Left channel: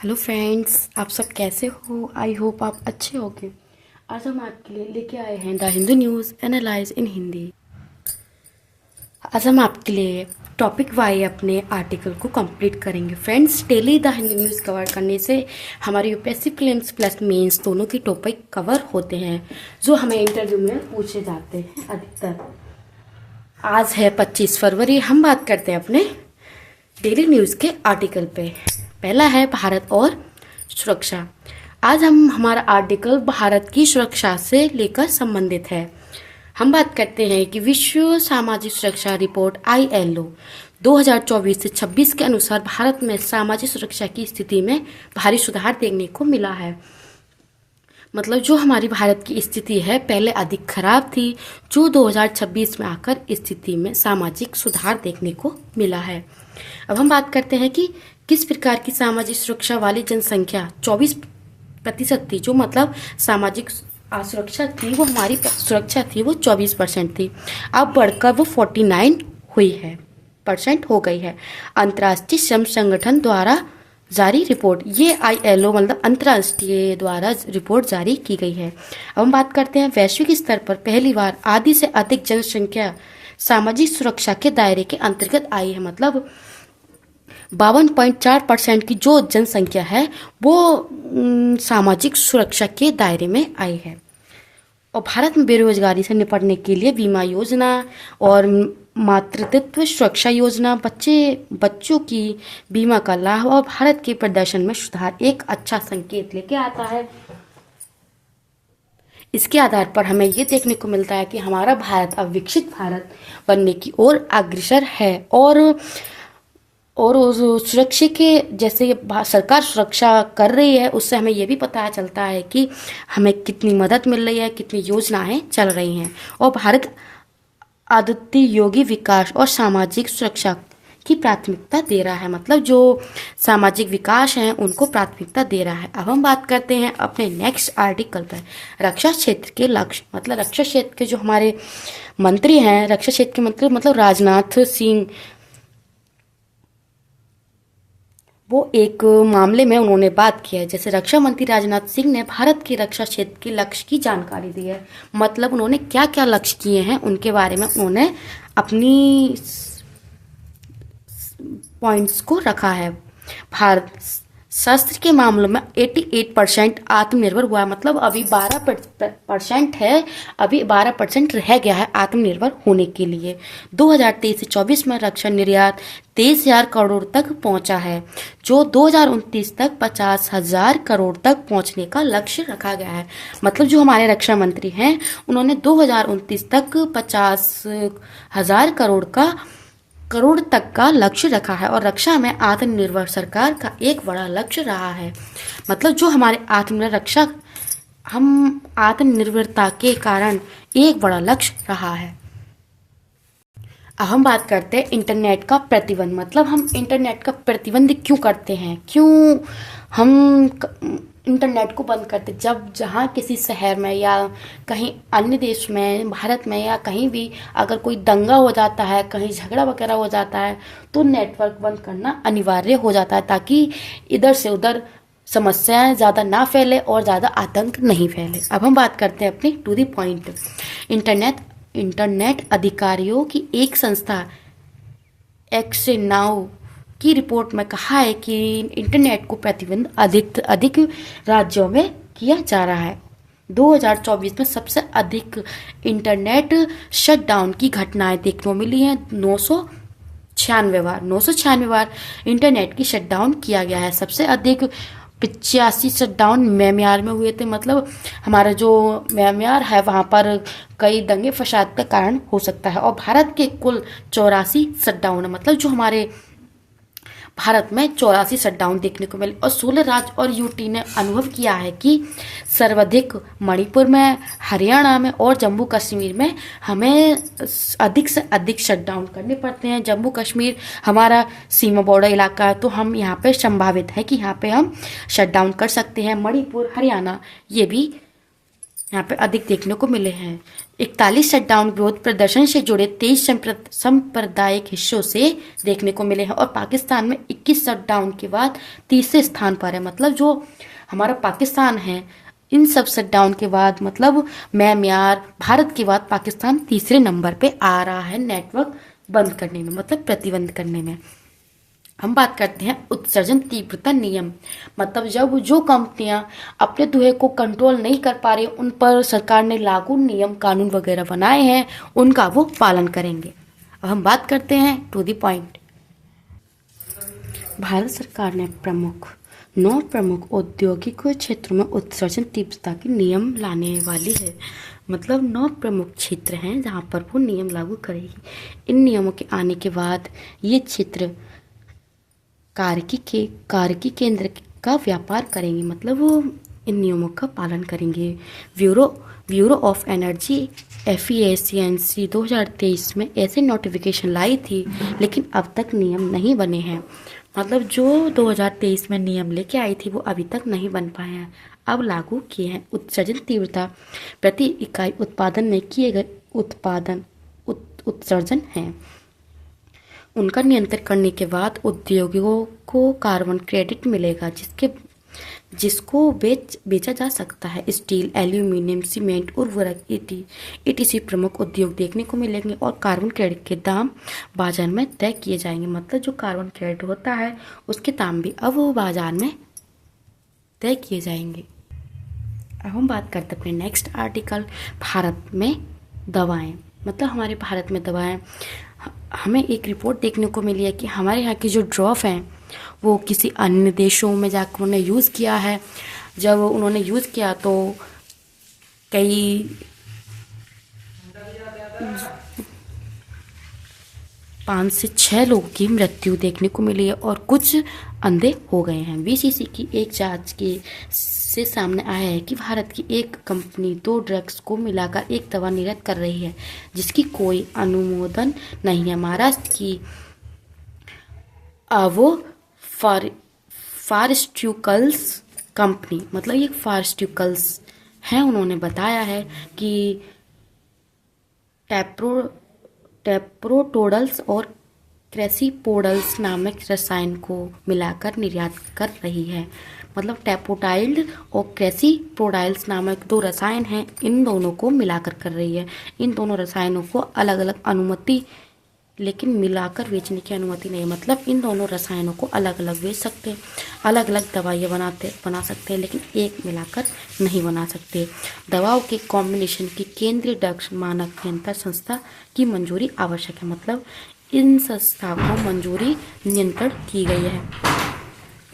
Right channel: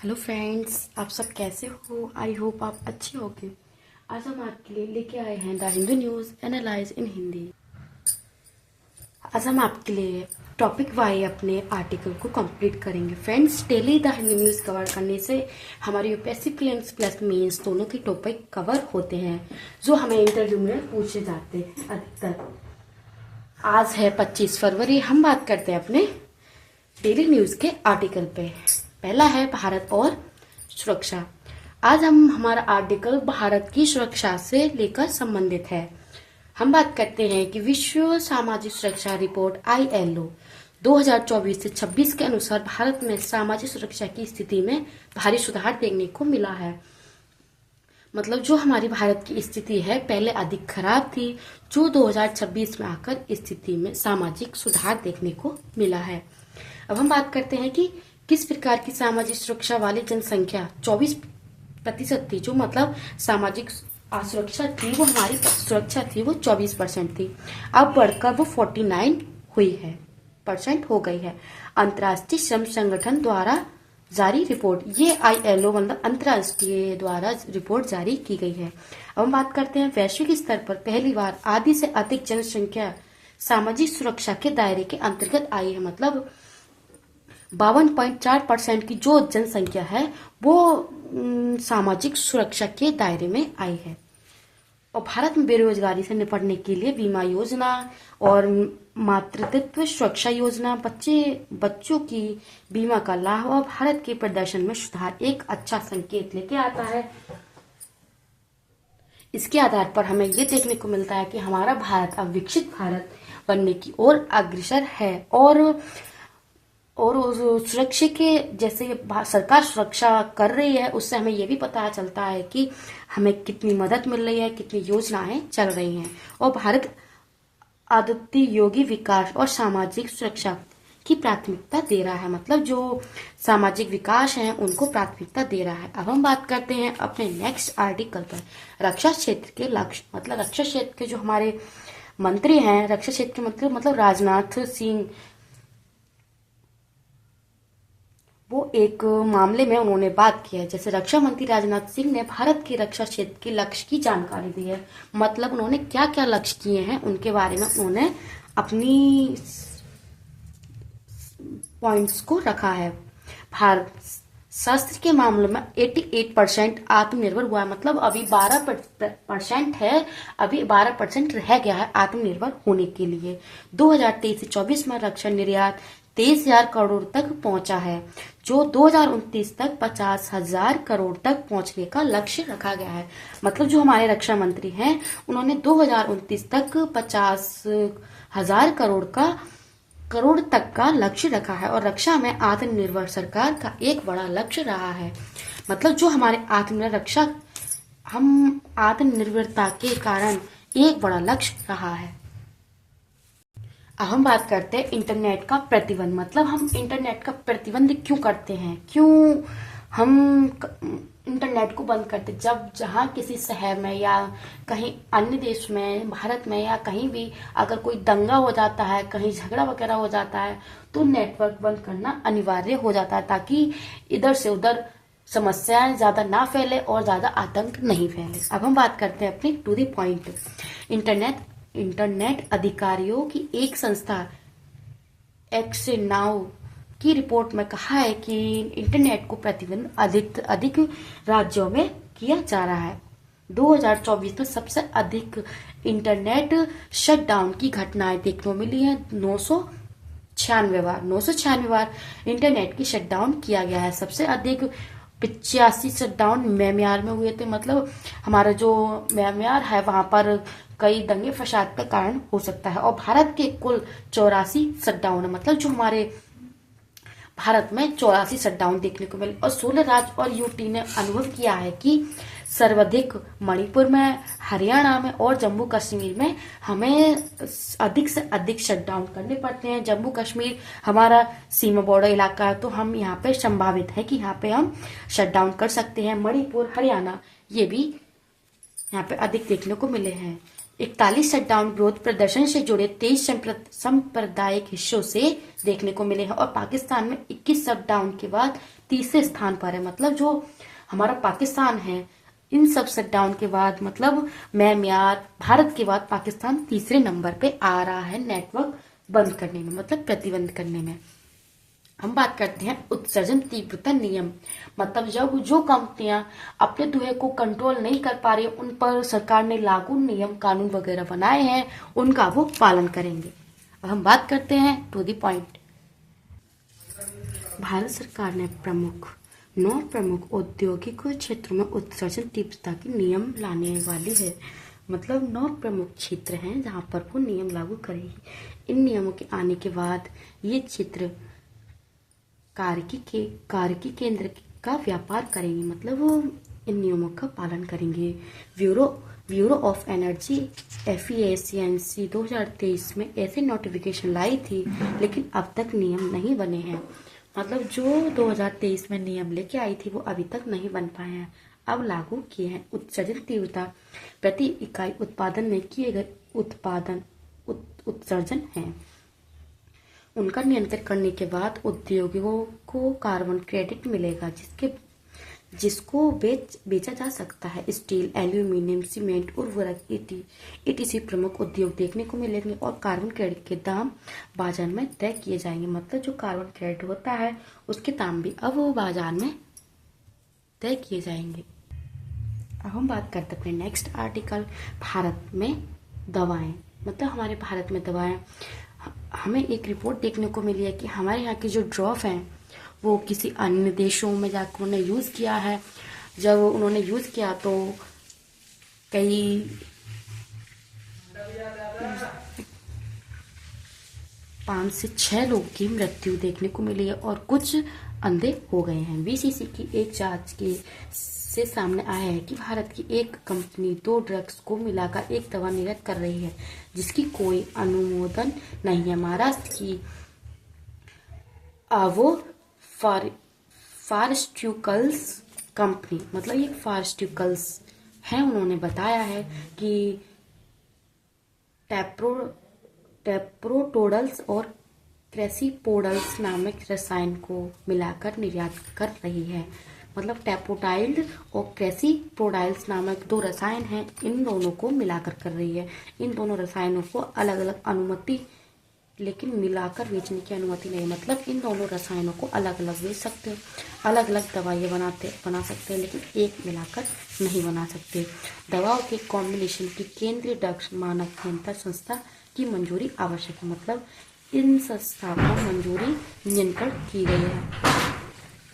Hello friends, आप सब कैसे हो? आई होप आप अच्छे होंगे। आज हम आपके लिए लेके आए हैं द हिंदू न्यूज़ एनालाइज इन हिंदी। आज हम आपके लिए टॉपिक वाइज अपने आर्टिकल को कंप्लीट करेंगे। Friends, daily the Hindi news cover करने से हमारे यूपीएससी प्रीलिम्स प्लस मेंस दोनों की टॉपिक कवर होते हैं जो हमें इंटरव्यू में पूछे जाते हैं अधिकतर। आज है 25 फरवरी। हम बात करते हैं अपने डेली न्यूज़ के आर्टिकल पे। पहला है भारत और सुरक्षा। आज हमारा आर्टिकल भारत की सुरक्षा से लेकर संबंधित है। हम बात करते हैं कि विश्व सामाजिक सुरक्षा रिपोर्ट ILO 2024 से 26 के अनुसार भारत में सामाजिक सुरक्षा की स्थिति में भारी सुधार देखने को मिला है। मतलब जो हमारी भारत की स्थिति है पहले अधिक खराब थी, जो 2026 में आकर स्थिति में सामाजिक सुधार देखने को मिला है। अब हम बात करते हैं कि किस प्रकार की सामाजिक सुरक्षा वाली जनसंख्या 24% थी। जो मतलब सामाजिक सुरक्षा थी, वो हमारी सुरक्षा थी, वो 24% थी। अब बढ़कर वो 49 हुई है परसेंट हो गई है। अंतर्राष्ट्रीय श्रम संगठन द्वारा जारी रिपोर्ट, ये ILO मतलब अंतर्राष्ट्रीय द्वारा रिपोर्ट जारी की गई है। अब हम बात करते हैं वैश्विक स्तर पर पहली बार आधी से अधिक जनसंख्या सामाजिक सुरक्षा के दायरे के अंतर्गत आई है। मतलब 52.4% की जो जनसंख्या है वो सामाजिक सुरक्षा के दायरे में आई है। और भारत में बेरोजगारी से निपटने के लिए बीमा योजना और मातृत्व सुरक्षा योजना, बच्चों की बीमा का लाभ और भारत के प्रदर्शन में सुधार एक अच्छा संकेत लेके आता है। इसके आधार पर हमें ये देखने को मिलता है कि हमारा भारत अब विकसित भारत बनने की ओर अग्रसर है। और उस सुरक्षा के जैसे सरकार सुरक्षा कर रही है, उससे हमें ये भी पता चलता है कि हमें कितनी मदद मिल रही है, कितनी योजनाएं चल रही हैं। और भारत आदित्य योगी विकास और सामाजिक सुरक्षा की प्राथमिकता दे रहा है। मतलब जो सामाजिक विकास है उनको प्राथमिकता दे रहा है। अब हम बात करते हैं अपने नेक्स्ट आर्टिकल पर, रक्षा क्षेत्र के लक्ष्य। मतलब रक्षा क्षेत्र के जो हमारे मंत्री हैं, रक्षा क्षेत्र के मंत्री मतलब राजनाथ सिंह, वो एक मामले में उन्होंने बात किया है। जैसे रक्षा मंत्री राजनाथ सिंह ने भारत की रक्षा क्षेत्र के लक्ष्य की जानकारी दी है। मतलब उन्होंने क्या क्या लक्ष्य किए हैं उनके बारे में उन्होंने अपनी पॉइंट्स को रखा है। भारत शस्त्र के मामलों में 88% आत्मनिर्भर हुआ है। मतलब अभी 12% है, अभी 12% रह गया है आत्मनिर्भर होने के लिए। 2023 से 24 में रक्षा निर्यात 23,000 करोड़ तक पहुंचा है, जो 2029 तक 50,000 करोड़ तक पहुंचने का लक्ष्य रखा गया है। मतलब जो हमारे रक्षा मंत्री हैं उन्होंने 2029 तक 50,000 करोड़ तक का लक्ष्य रखा है। और रक्षा में आत्मनिर्भर सरकार का एक बड़ा लक्ष्य रहा है। मतलब जो हमारे आत्मनिर्भर रक्षा, हम आत्मनिर्भरता के कारण एक बड़ा लक्ष्य रहा है। अब हम बात करते हैं इंटरनेट का प्रतिबंध। मतलब हम इंटरनेट का प्रतिबंध क्यों करते हैं, क्यों हम इंटरनेट को बंद करते। जब जहाँ किसी शहर में या कहीं अन्य देश में, भारत में या कहीं भी अगर कोई दंगा हो जाता है, कहीं झगड़ा वगैरह हो जाता है, तो नेटवर्क बंद करना अनिवार्य हो जाता है ताकि इधर से उधर समस्याएं ज़्यादा ना फैले और ज़्यादा आतंक नहीं फैले। अब हम बात करते हैं अपनी टू द पॉइंट। इंटरनेट अधिकारियों की एक संस्था एक्सनाउ की रिपोर्ट में कहा है कि इंटरनेट को प्रतिबंध अधिक राज्यों में किया जा रहा है। 2024 में सबसे अधिक इंटरनेट शटडाउन की घटनाएं देखने को मिली हैं। 996 बार इंटरनेट की शटडाउन किया गया है। सबसे अधिक 85 शटडाउन म्यांमार में हुए थे। मतलब हमारा जो म्यांमार है वहाँ पर कई दंगे फसाद का कारण हो सकता है। और भारत के कुल 84 शटडाउन है। मतलब जो हमारे भारत में 84 शटडाउन देखने को मिले। और 16 राज्य और यूटी ने अनुभव किया है कि सर्वाधिक मणिपुर में, हरियाणा में और जम्मू कश्मीर में हमें अधिक से अधिक शटडाउन करने पड़ते हैं। जम्मू कश्मीर हमारा सीमा बॉर्डर इलाका है, तो हम यहाँ पे संभावित है कि यहाँ पे हम शटडाउन कर सकते हैं। मणिपुर, हरियाणा ये भी यहाँ पे अधिक देखने को मिले हैं। 41 शटडाउन विरोध प्रदर्शन से जुड़े 23 सांप्रदायिक हिस्सों से देखने को मिले हैं और पाकिस्तान में 21 शटडाउन के बाद तीसरे स्थान पर है। मतलब जो हमारा पाकिस्तान है, इन सब शटडाउन के बाद मतलब म्यांमार, भारत के बाद पाकिस्तान तीसरे नंबर पे आ रहा है नेटवर्क बंद करने में, मतलब प्रतिबंध करने में। हम बात करते हैं उत्सर्जन तीव्रता नियम। मतलब जब जो कंपनियां अपने धुएं को कंट्रोल नहीं कर पा रही, उन पर सरकार ने लागू नियम कानून वगैरह बनाए हैं, उनका वो पालन करेंगे। अब हम बात करते हैं टू द पॉइंट। भारत सरकार ने 9 प्रमुख औद्योगिक क्षेत्रों में उत्सर्जन तीव्रता के नियम लाने वाली है। मतलब 9 प्रमुख क्षेत्र हैं जहां पर वो नियम लागू करेगी। इन नियमों के आने के बाद ये क्षेत्र कार्य केंद्र का व्यापार करेंगे। मतलब वो इन नियमों का पालन करेंगे। ब्यूरो ऑफ एनर्जी एफिशिएंसी 2023 में ऐसे नोटिफिकेशन लाई थी, लेकिन अब तक नियम नहीं बने हैं। मतलब जो 2023 में नियम लेके आई थी वो अभी तक नहीं बन पाए हैं, अब लागू किए हैं। उत्सर्जन तीव्रता प्रति इकाई उत्पादन में किए गए उत्सर्जन है, उनका नियंत्रण करने के बाद उद्योगों को कार्बन क्रेडिट मिलेगा, जिसको बेचा जा सकता है। स्टील, एल्यूमिनियम, सीमेंट, उर्वरक इटीसी प्रमुख उद्योग देखने को मिलेंगे और कार्बन क्रेडिट के दाम बाजार में तय किए जाएंगे। मतलब जो कार्बन क्रेडिट होता है उसके दाम भी अब वो बाजार में तय किए जाएंगे। अब हम बात करते हैं नेक्स्ट आर्टिकल, भारत में दवाएं। मतलब हमारे भारत में दवाएं, हमें एक रिपोर्ट देखने को मिली है कि हमारे यहाँ की जो ड्रॉप हैं वो किसी अन्य देशों में जाकर उन्होंने यूज़ किया है। जब उन्होंने यूज़ किया तो कई 5 से 6 लोगों की मृत्यु देखने को मिली है और कुछ अंधे हो गए हैं। बीसीसी की एक जांच से सामने आया है कि भारत की एक कंपनी 2 ड्रग्स को मिलाकर एक दवा निर्यात कर रही है जिसकी कोई अनुमोदन नहीं है। महाराष्ट्र की वो फार्मास्यूटिकल्स कंपनी, मतलब ये फार्मास्यूटिकल्स है, उन्होंने बताया है कि टेप्रोटोडल्स और क्रेसिपोडल्स नामक रसायन को मिलाकर निर्यात कर रही है। मतलब टेपोटाइल्ड और क्रेसिप्रोडाइल्स नामक 2 रसायन हैं, इन दोनों को मिलाकर कर रही है। इन दोनों रसायनों को अलग अलग अनुमति, लेकिन मिलाकर बेचने की अनुमति नहीं। मतलब इन दोनों रसायनों को अलग अलग बेच सकते हैं, अलग अलग दवाइयाँ बना सकते हैं, लेकिन एक मिलाकर नहीं बना सकते। दवाओं के कॉम्बिनेशन की केंद्रीय ड्रग्स मानक नियंत्रण संस्था की मंजूरी आवश्यक है। मतलब इन संस्था को मंजूरी नियंत्रण की गई है,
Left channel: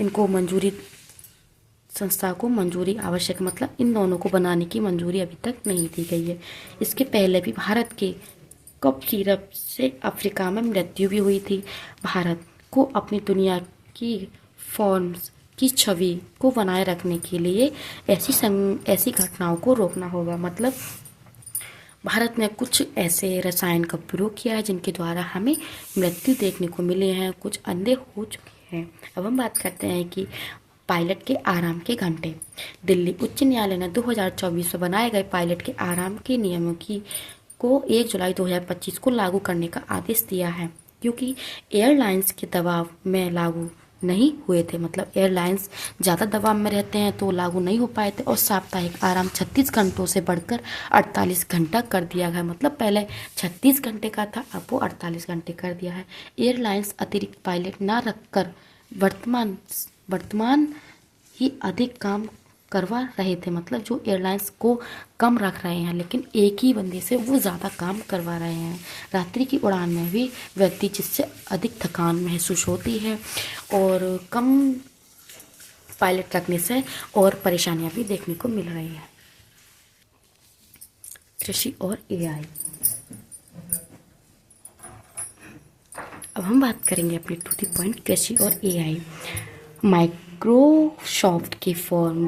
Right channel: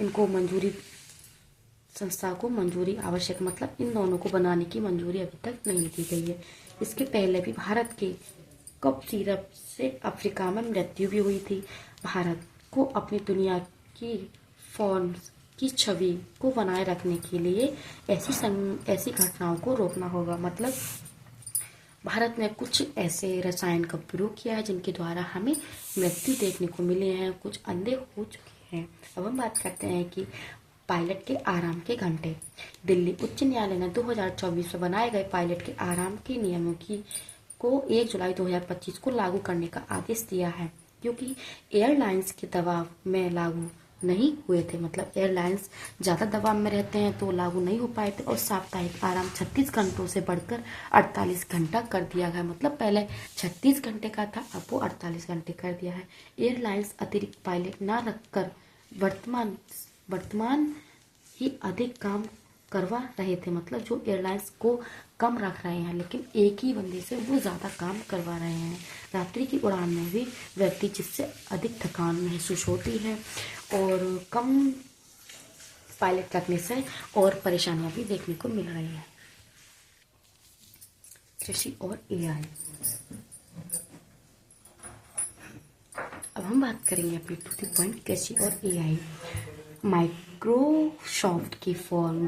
इनको मंजूरी संस्था को मंजूरी आवश्यक, मतलब इन दोनों को बनाने की मंजूरी अभी तक नहीं दी गई है। इसके पहले भी भारत के कफ सिरप से अफ्रीका में मृत्यु भी हुई थी। भारत को अपनी दुनिया की फॉर्म्स की छवि को बनाए रखने के लिए ऐसी घटनाओं को रोकना होगा। मतलब भारत ने कुछ ऐसे रसायन का प्रयोग किया है जिनके द्वारा हमें मृत्यु देखने को मिले हैं, कुछ अंधे हो चुके हैं। अब हम बात करते हैं कि पायलट के आराम के घंटे। दिल्ली उच्च न्यायालय ने 2024 में बनाए गए पायलट के आराम के नियमों को 1 जुलाई 2025 को लागू करने का आदेश दिया है, क्योंकि एयरलाइंस के दबाव में लागू नहीं हुए थे। मतलब एयरलाइंस ज़्यादा दबाव में रहते हैं तो लागू नहीं हो पाए थे और साप्ताहिक आराम 36 घंटों से बढ़कर 48 घंटा कर दिया गया। मतलब पहले 36 घंटे का था, अब वो 48 घंटे कर दिया है। एयरलाइंस अतिरिक्त पायलट ना रखकर वर्तमान ही अधिक काम करवा रहे थे। मतलब जो एयरलाइंस को कम रख रहे हैं, लेकिन एक ही बंदे से वो ज़्यादा काम करवा रहे हैं। रात्रि की उड़ान में भी व्यक्ति जिससे अधिक थकान महसूस होती है और कम पायलट रखने से और परेशानियां भी देखने को मिल रही है। कृषि और एआई। अब हम बात करेंगे अपने टू द पॉइंट कृषि और एआई। माइक्रोसॉफ्ट के फॉर्म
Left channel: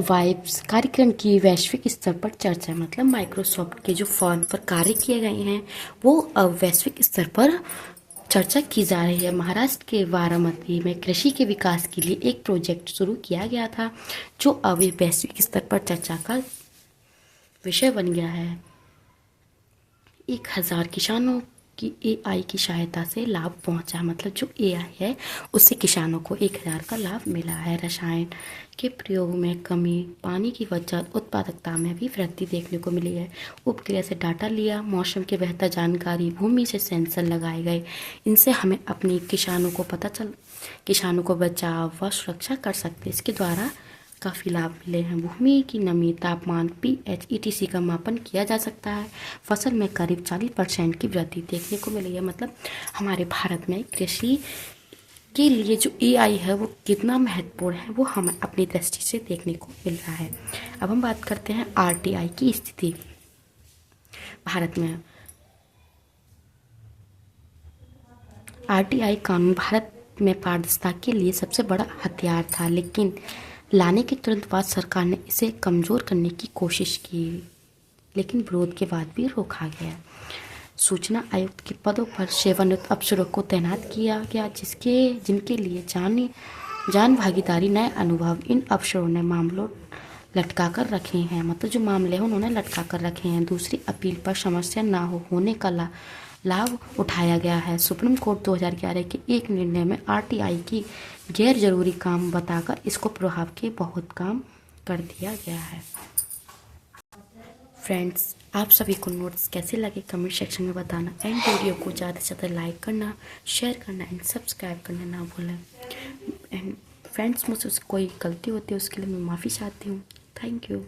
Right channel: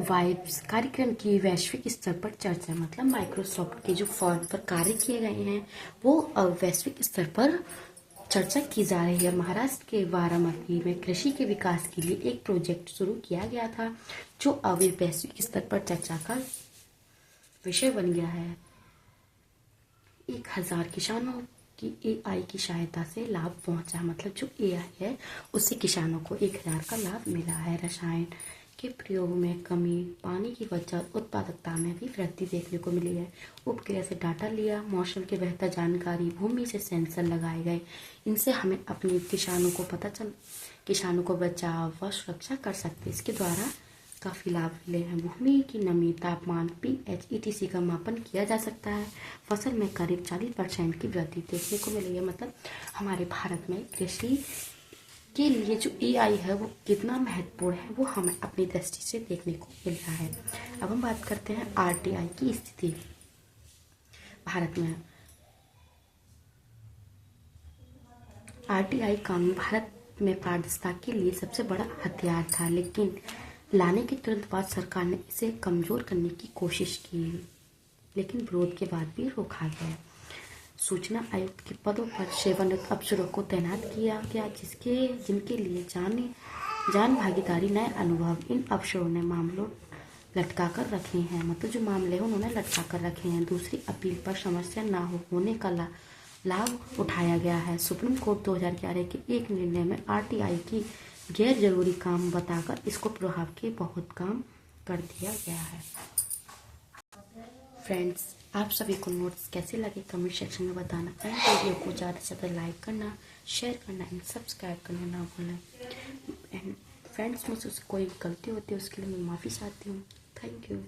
वाइब्स कार्यक्रम की वैश्विक स्तर पर चर्चा। मतलब माइक्रोसॉफ्ट के जो फॉर्म पर कार्य किए गए हैं वो अब वैश्विक स्तर पर चर्चा की जा रही है। महाराष्ट्र के बारामती में कृषि के विकास के लिए एक प्रोजेक्ट शुरू किया गया था जो अब वैश्विक स्तर पर चर्चा का विषय बन गया है। 1000 किसानों की एआई की सहायता से लाभ पहुंचा, मतलब जो एआई है उससे किसानों को 1000 का लाभ मिला है। रसायन के प्रयोग में कमी, पानी की बचत, उत्पादकता में भी वृद्धि देखने को मिली है। उपग्रह से डाटा लिया, मौसम की बेहतर जानकारी, भूमि से सेंसर लगाए गए, इनसे हमें अपनी किसानों को बचाव व सुरक्षा कर सकते। इसके द्वारा काफ़ी लाभ मिले हैं। भूमि की नमी, तापमान, पीएच, ईटीसी का मापन किया जा सकता है। फसल में करीब 40% की वृद्धि देखने को मिली है। मतलब हमारे भारत में कृषि के लिए जो एआई है वो कितना महत्वपूर्ण है वो हमें अपनी दृष्टि से देखने को मिल रहा है। अब हम बात करते हैं आरटीआई की स्थिति भारत में। आरटीआई कानून भारत में पारदर्शिता के लिए सबसे बड़ा हथियार था, लेकिन लाने के तुरंत बाद सरकार ने इसे कमज़ोर करने की कोशिश की, लेकिन विरोध के बाद भी रोका गया। सूचना आयुक्त के पदों पर सेवानिवृत्त अफसरों को तैनात किया गया, जिनके लिए जान भागीदारी, नए अनुभव। इन अफसरों ने मामलों लटका कर रखे हैं, मतलब जो मामले हैं उन्होंने लटका कर रखे हैं। दूसरी अपील पर समस्या ना होने का लाभ उठाया गया है। सुप्रीम कोर्ट 2011 के एक निर्णय में आरटीआई की गैर जरूरी काम बताकर इसको प्रभाव के बहुत काम कर दिया गया है। फ्रेंड्स, आप सभी को नोट्स कैसे लगे कमेंट सेक्शन में बताना, एंड वीडियो को ज़्यादा से ज़्यादा लाइक करना, शेयर करना एंड सब्सक्राइब करना ना भूलें। एंड फ्रेंड्स, मुझसे कोई गलती होती है उसके लिए मैं माफ़ी चाहती हूँ। Thank you.